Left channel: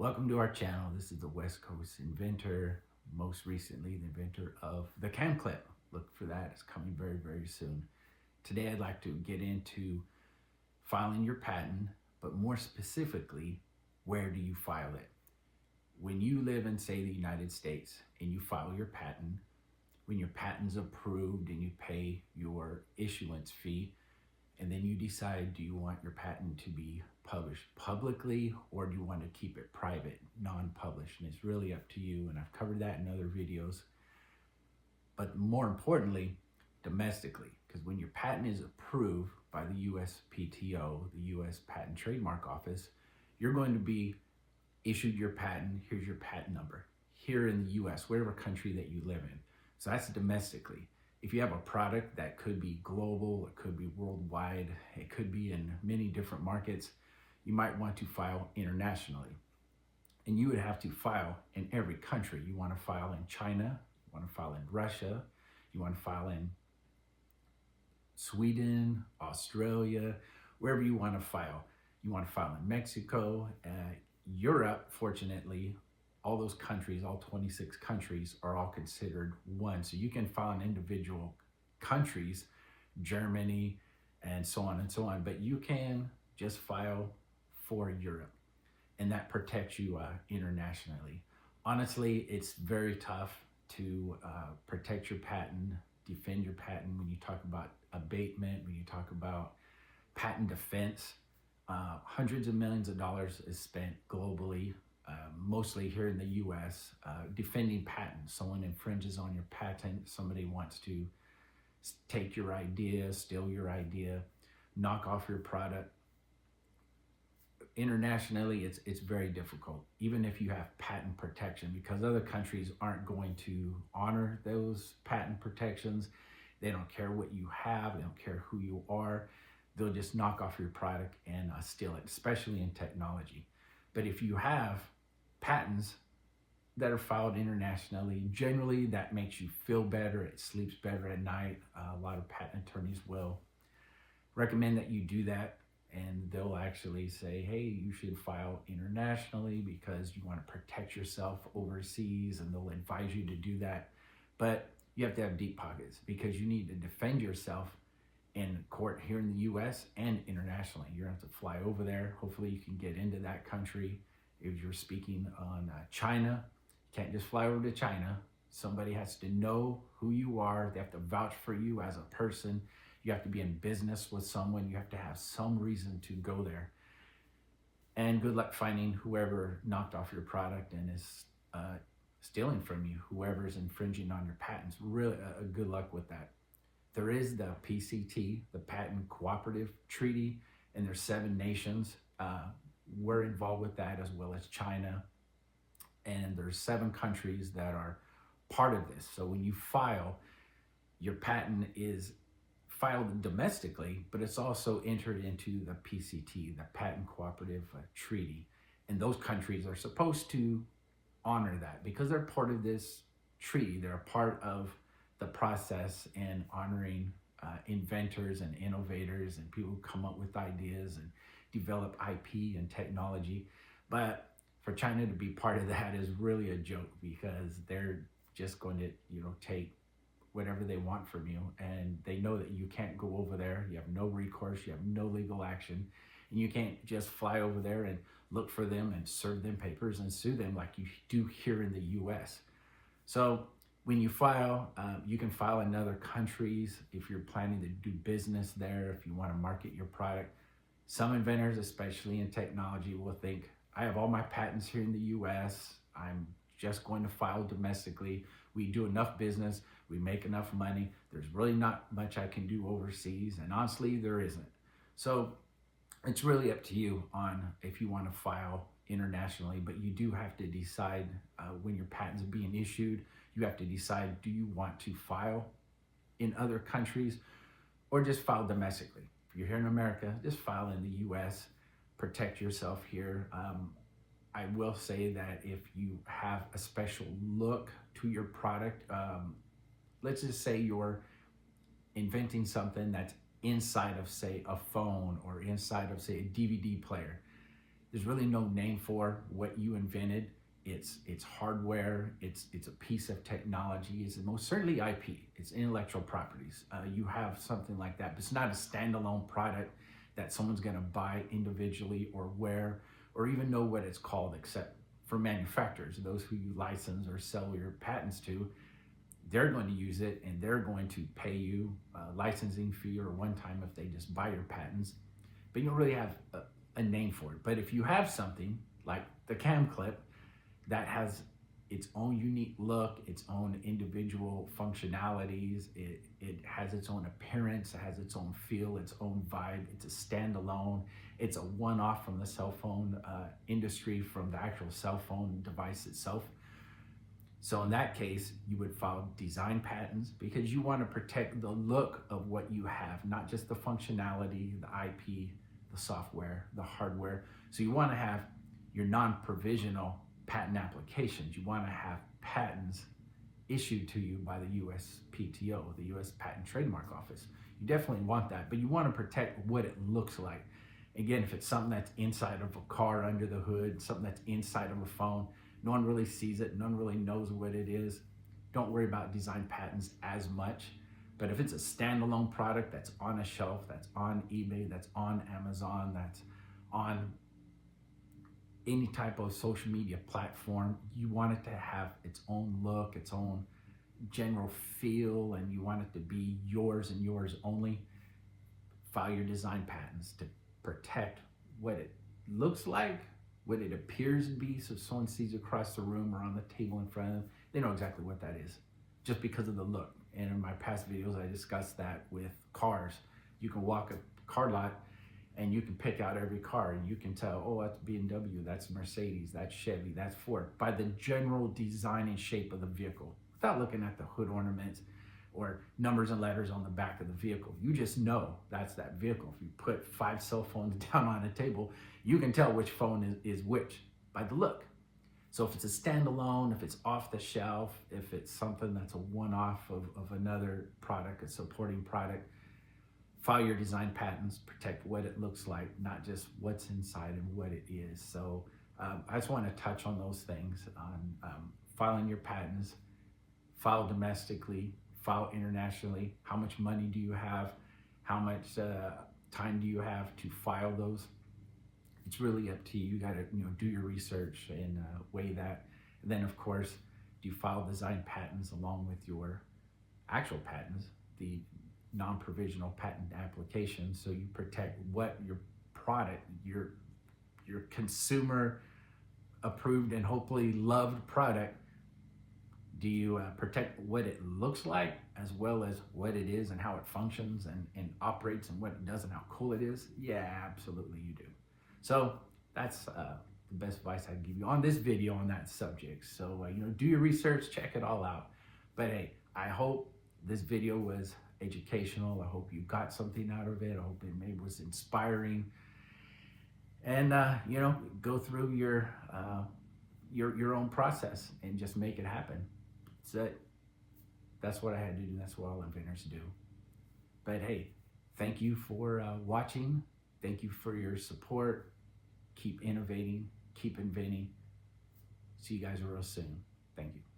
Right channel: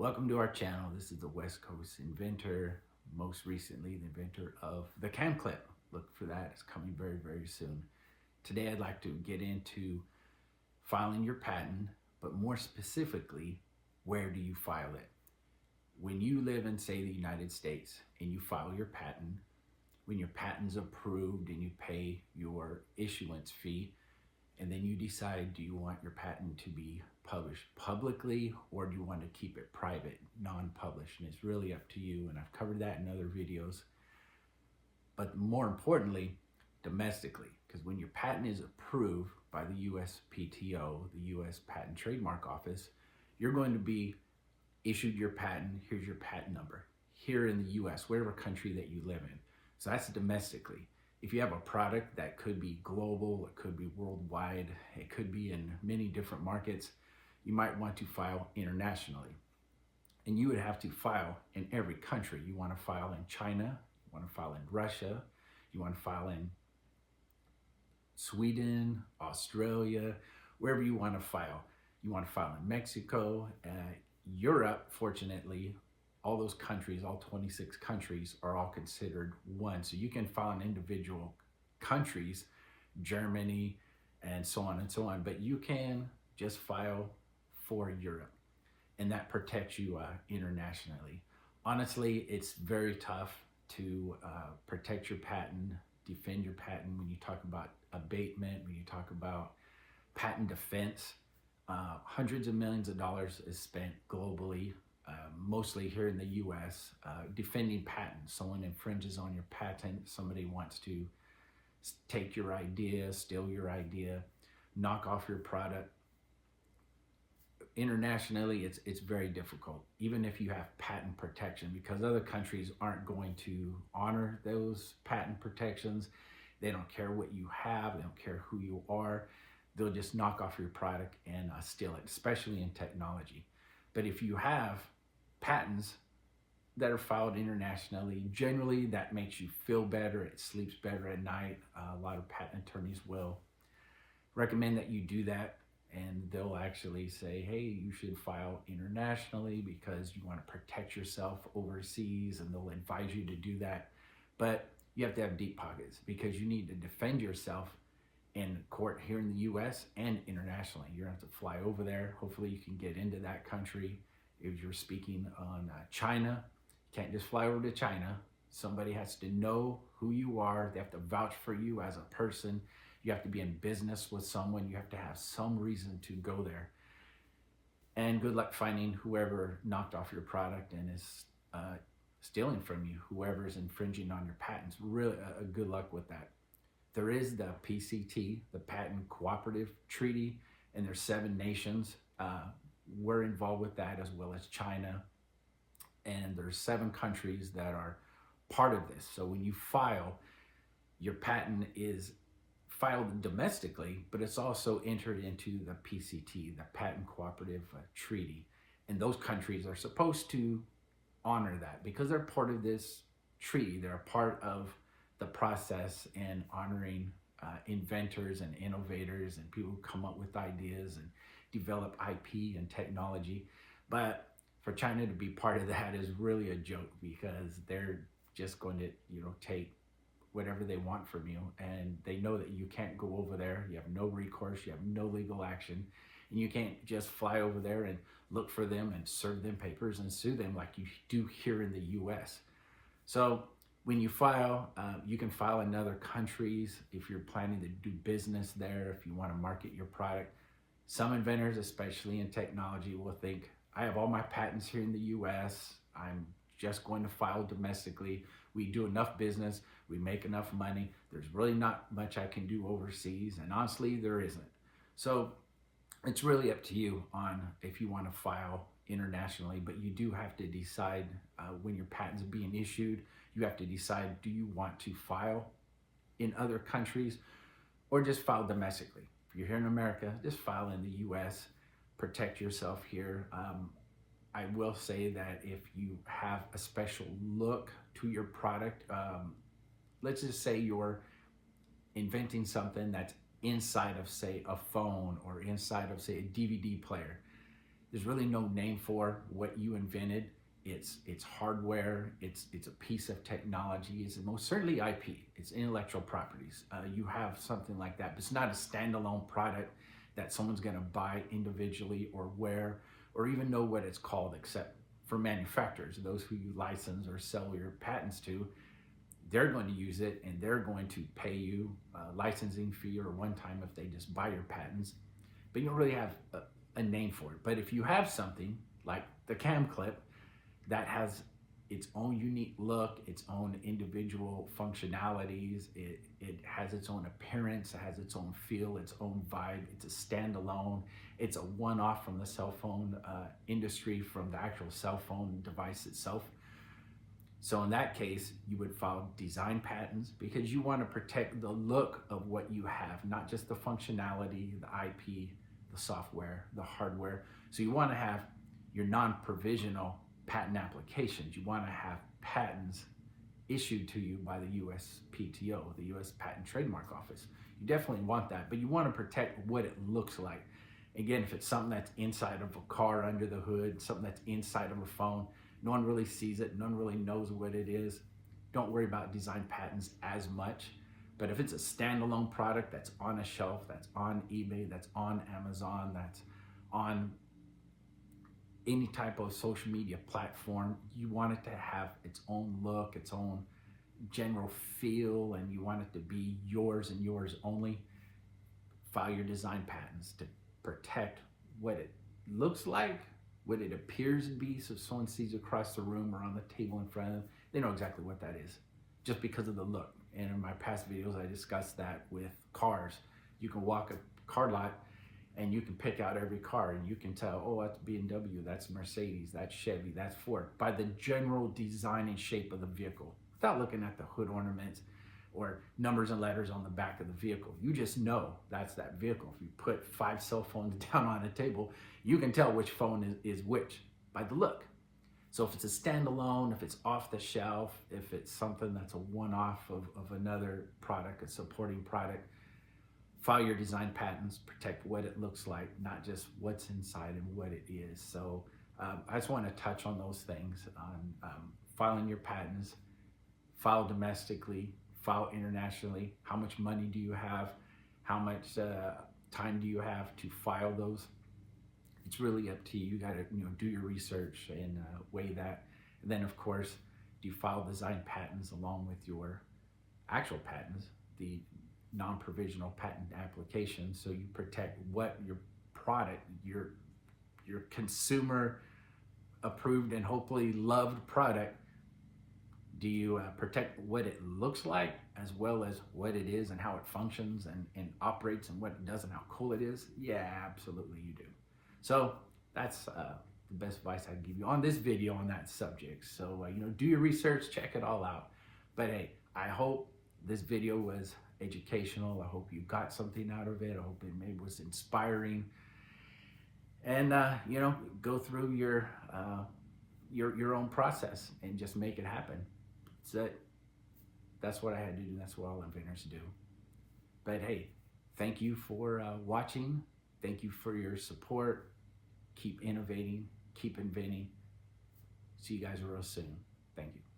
Welcome to our channel. This is the West Coast Inventor, most recently the inventor of the cam clip. Look for that, it's coming very, very soon. Today I'd like to get into filing your patent, but more specifically, where do you file it? When you live in, say, the United States and you file your patent, when your patent's approved and you pay your issuance fee, and then you decide, do you want your patent to be published publicly or do you want to keep it private, non-published? And it's really up to you, and I've covered that in other videos. But more importantly, domestically, because when your patent is approved by the USPTO, the U.S. Patent Trademark Office, you're going to be issued your patent. Here's your patent number here in the U.S., whatever country that you live in. So that's domestically. If you have a product that could be global, it could be worldwide, it could be in many different markets, you might want to file internationally. And you would have to file in every country. You want to file in China, you want to file in Russia, you want to file in Sweden, Australia, wherever you want to file. You want to file in Mexico, Europe, fortunately, all those countries, all 26 countries are all considered one. So you can file in individual countries, Germany, and so on and so on, but you can just file for Europe, and that protects you internationally. Honestly, it's very tough to protect your patent, defend your patent when you talk about abatement, when you talk about patent defense. Hundreds of millions of dollars is spent globally, mostly here in the US, defending patents. Someone infringes on your patent, somebody wants to take your idea, steal your idea, knock off your product. Internationally, it's very difficult, even if you have patent protection, because other countries aren't going to honor those patent protections. They don't care what you have, they don't care who you are. They'll just knock off your product and steal it, especially in technology. But if you have patents that are filed internationally, generally that makes you feel better, it sleeps better at night. A lot of patent attorneys will recommend that you do that, and they'll actually say, hey, you should file internationally because you want to protect yourself overseas, and they'll advise you to do that. But you have to have deep pockets because you need to defend yourself in court here in the US and internationally. You're gonna have to fly over there. Hopefully you can get into that country. If you're speaking on China, you can't just fly over to China. Somebody has to know who you are. They have to vouch for you as a person. You have to be in business with someone. You have to have some reason to go there. And good luck finding whoever knocked off your product and is stealing from you, whoever is infringing on your patents. Really, good luck with that. There is the PCT, the Patent Cooperative Treaty, and there's 7 nations. We're involved with that, as well as China. And there's 7 countries that are part of this. So when you file, your patent is filed domestically, but it's also entered into the PCT, the Patent Cooperative Treaty. And those countries are supposed to honor that because they're part of this treaty. They're a part of the process and honoring inventors and innovators and people who come up with ideas and develop IP and technology. But for China to be part of that is really a joke, because they're just going to, take whatever they want from you, and they know that you can't go over there. You have no recourse, you have no legal action, and you can't just fly over there and look for them and serve them papers and sue them like you do here in the US. So when you file, you can file in other countries if you're planning to do business there, if you want to market your product. Some inventors, especially in technology, will think, I have all my patents here in the US, I'm just going to file domestically. We do enough business, we make enough money, there's really not much I can do overseas, and honestly, there isn't. So it's really up to you on if you want to file internationally, but you do have to decide when your patent's being issued. You have to decide, do you want to file in other countries or just file domestically? If you're here in America, just file in the US, protect yourself here. I will say that if you have a special look to your product, let's just say you're inventing something that's inside of, say, a phone or inside of, say, a DVD player. There's really no name for what you invented. It's hardware, it's a piece of technology, it's most certainly IP, it's intellectual properties. You have something like that, but it's not a standalone product that someone's gonna buy individually or wear or even know what it's called, except for manufacturers, those who you license or sell your patents to. They're going to use it and they're going to pay you a licensing fee or one time if they just buy your patents, but you don't really have a name for it. But if you have something like the cam clip that has its own unique look, its own individual functionalities, it has its own appearance, it has its own feel, its own vibe, it's a standalone, it's a one-off from the cell phone industry, from the actual cell phone device itself. So in that case, you would file design patents because you want to protect the look of what you have, not just the functionality, the IP, the software, the hardware. So you want to have your non-provisional patent applications. You want to have patents issued to you by the USPTO, the U.S. Patent Trademark Office. You definitely want that, but you want to protect what it looks like. Again, if it's something that's inside of a car under the hood, something that's inside of a phone, no one really sees it, no one really knows what it is, don't worry about design patents as much. But if it's a standalone product that's on a shelf, that's on eBay, that's on Amazon, that's on any type of social media platform, you want it to have its own look, its own general feel, and you want it to be yours and yours only. File your design patents to protect what it looks like, what it appears to be, so if someone sees across the room or on the table in front of them, they know exactly what that is, just because of the look. And in my past videos, I discussed that with cars. You can walk a car lot and you can pick out every car and you can tell, oh, that's BMW, that's Mercedes, that's Chevy, that's Ford, by the general design and shape of the vehicle, without looking at the hood ornaments or numbers and letters on the back of the vehicle. You just know that's that vehicle. If you put 5 cell phones down on a table, you can tell which phone is which by the look. So if it's a standalone, if it's off the shelf, if it's something that's a one-off of another product, a supporting product, file your design patents, protect what it looks like, not just what's inside and what it is. So I just want to touch on those things, on filing your patents, file domestically, file internationally. How much money do you have? How much time do you have to file those? It's really up to you. You got to do your research and weigh that. And then, of course, do you file design patents along with your actual patents, the non-provisional patent application, so you protect what your product, your consumer approved and hopefully loved product. Do you protect what it looks like as well as what it is and how it functions and operates and what it does and how cool it is? Yeah, absolutely you do. So that's the best advice I can give you on this video on that subject. So, do your research, check it all out. But hey, I hope this video was educational. I hope you got something out of it. I hope it maybe was inspiring. And, go through your own process and just make it happen. That's what I had to do. That's what all inventors do. But hey, thank you for watching. Thank you for your support. Keep innovating, keep inventing. See you guys real soon. Thank you.